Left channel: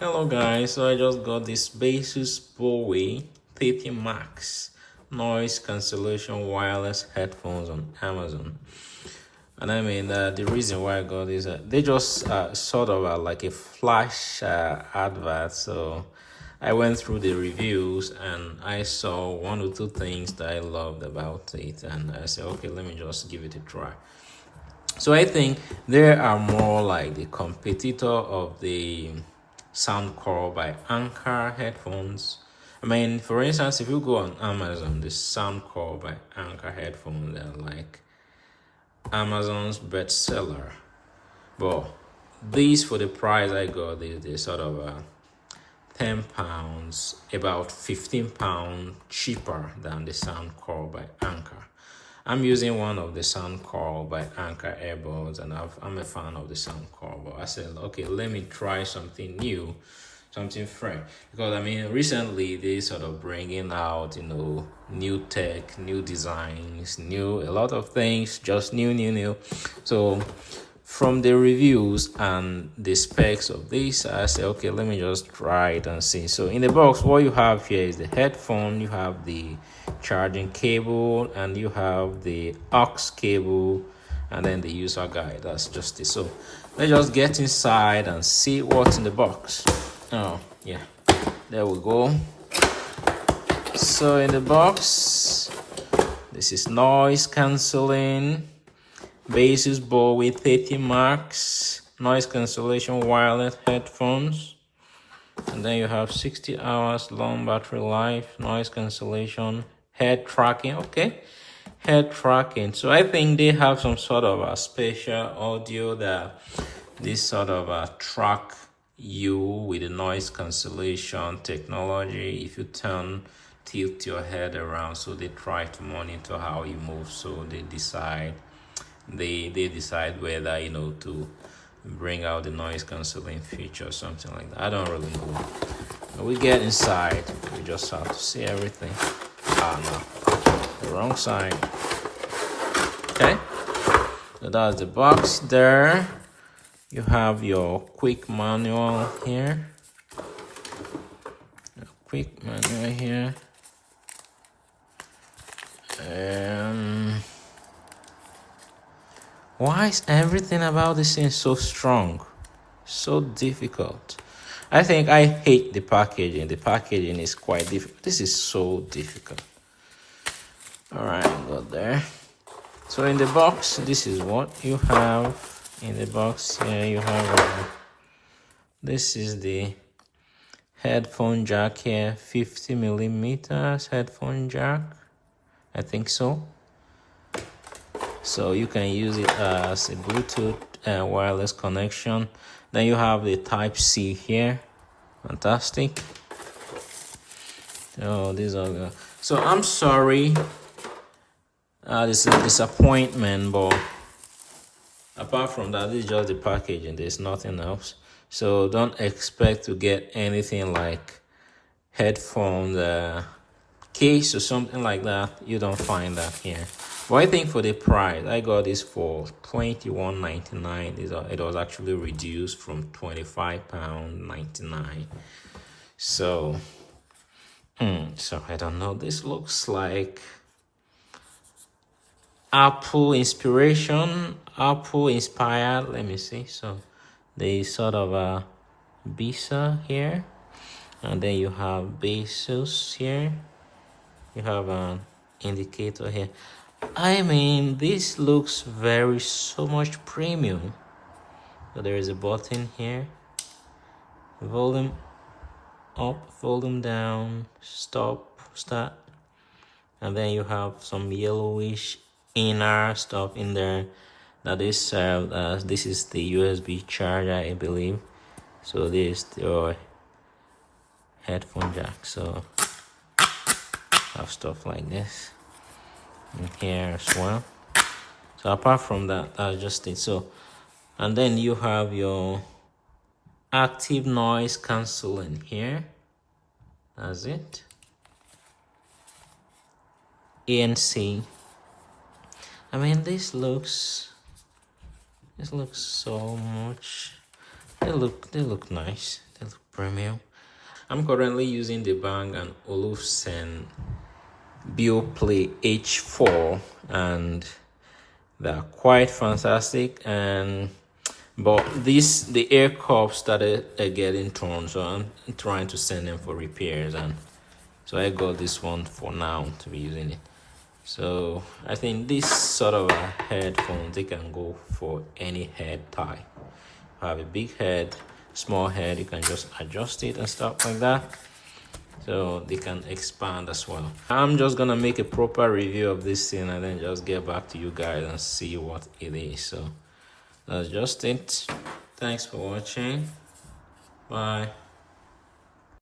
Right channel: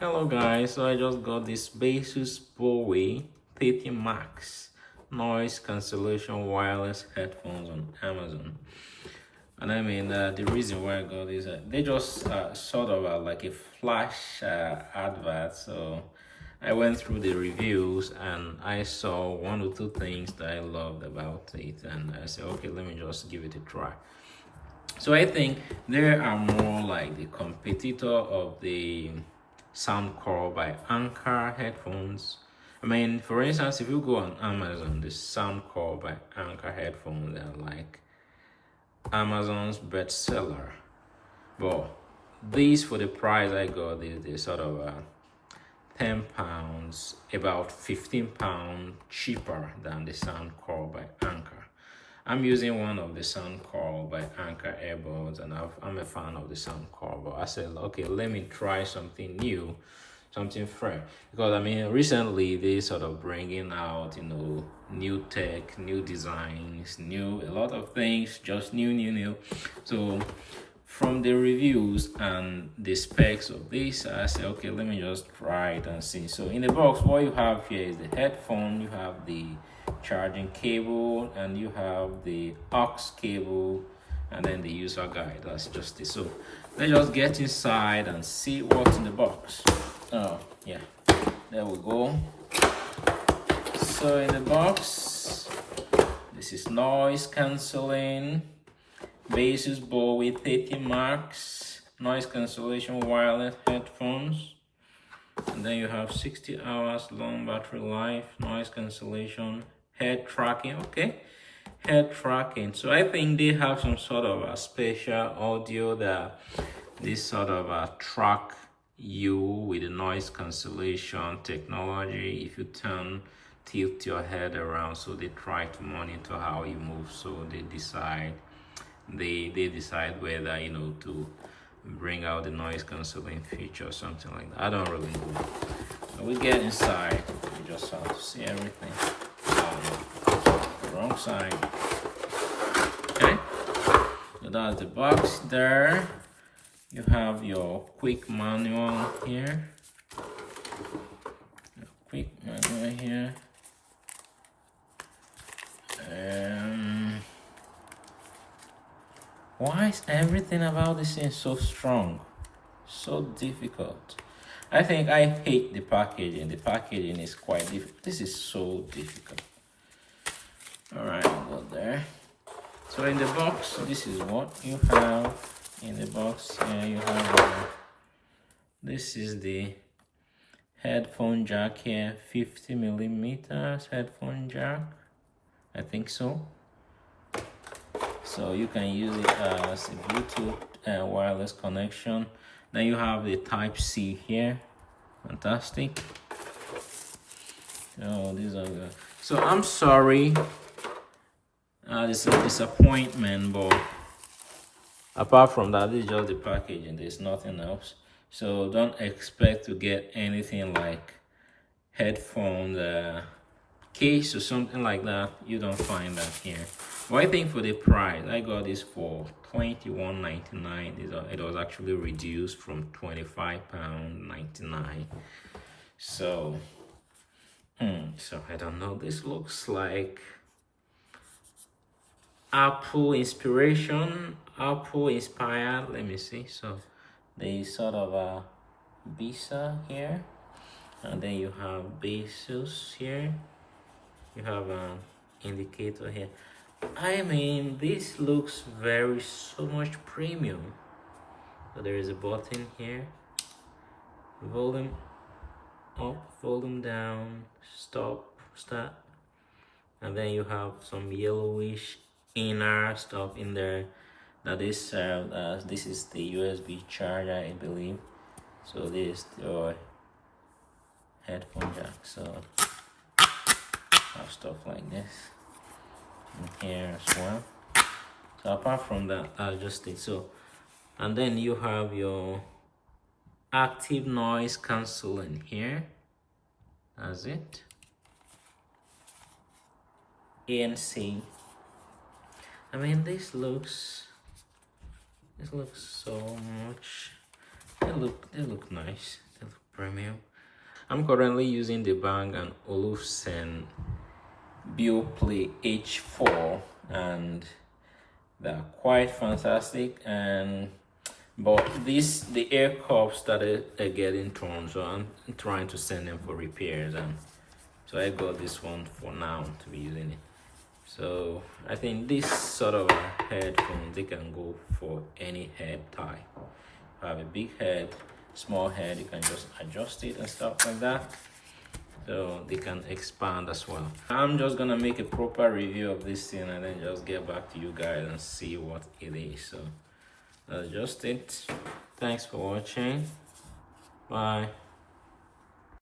Hello guys, so I just got this Baseus Bowie 30 Max noise cancellation wireless headphones on Amazon. And the reason why I got this, they just sort of like a flash advert. So I went through the reviews and I saw one or two things that I loved about it. And I said, okay, let me just give it a try. So I think they are more like the competitor of the Soundcore by Anchor headphones. For instance, if you go on Amazon, the Soundcore by Anchor headphones are like Amazon's bestseller. But these, for the price I got, they sort of £10, about £15 cheaper than the Soundcore by Anchor. I'm using one of the Soundcore by Anchor earbuds, and I'm a fan of the Soundcore. But I said, okay, let me try something new, something fresh. Because recently they sort of bringing out, new tech, new designs, a lot of things, just new. So from the reviews and the specs of this, I said, okay, let me just try it and see. So in the box, what you have here is the headphone, you have the charging cable, and you have the aux cable, and then the user guide. That's just it. So let's just get inside and see what's in the box. Oh yeah, there we go. So in the box, this is noise cancelling Baseus Bowie 30 Max noise cancellation wireless headphones. And then you have 60 hours long battery life, noise cancellation, head tracking. Okay, head tracking. So I think they have some sort of a special audio that this sort of track you with the noise cancellation technology. If you tilt your head around, so they try to monitor how you move. So they decide whether to bring out the noise cancelling feature or something like that. I don't really know. When we get inside, we just have to see everything. The wrong side. Okay, so that's the box there. You have your quick manual here. Why is everything about this thing so strong? So difficult. I think I hate the packaging. The packaging is quite difficult. This is so difficult. Alright, go there. So in the box, this is what you have in the box. Here you have this is the headphone jack here, 50 millimeters headphone jack. I think so. So you can use it as a Bluetooth wireless connection. Then you have the Type-C here. Fantastic. Oh, these are the... So I'm sorry. This is a disappointment, but apart from that, this is just the packaging. There's nothing else. So don't expect to get anything like headphones case or something like that. You don't find that here. But I think for the price, I got this for $21.99. It was actually reduced from £25.99. So I don't know. This looks like Apple inspiration, Apple inspired. Let me see. So they sort of a Bisa here, and then you have Baseus here. You have an indicator here. This looks so much premium. So there is a button here. Volume up, volume down, stop, start. And then you have some yellowish inner stuff in there that is served as this is the USB charger, I believe. So this is your headphone jack. So have stuff like this in here as well. So apart from that, that's just it. So, and then you have your active noise cancelling here. That's it. ANC. This looks so much. They look nice. They look Premium. I'm currently using the Bang & Olufsen Bioplay H4, and they're quite fantastic. But the air cup started getting torn, so I'm trying to send them for repairs, and so I got this one for now to be using it. So I think this sort of a headphone, they can go for any head type. Have a big head, small head, you can just adjust it and stuff like that. So they can expand as well. I'm just gonna make a proper review of this thing and then just get back to you guys and see what it is. So that's just it. Thanks for watching. Bye.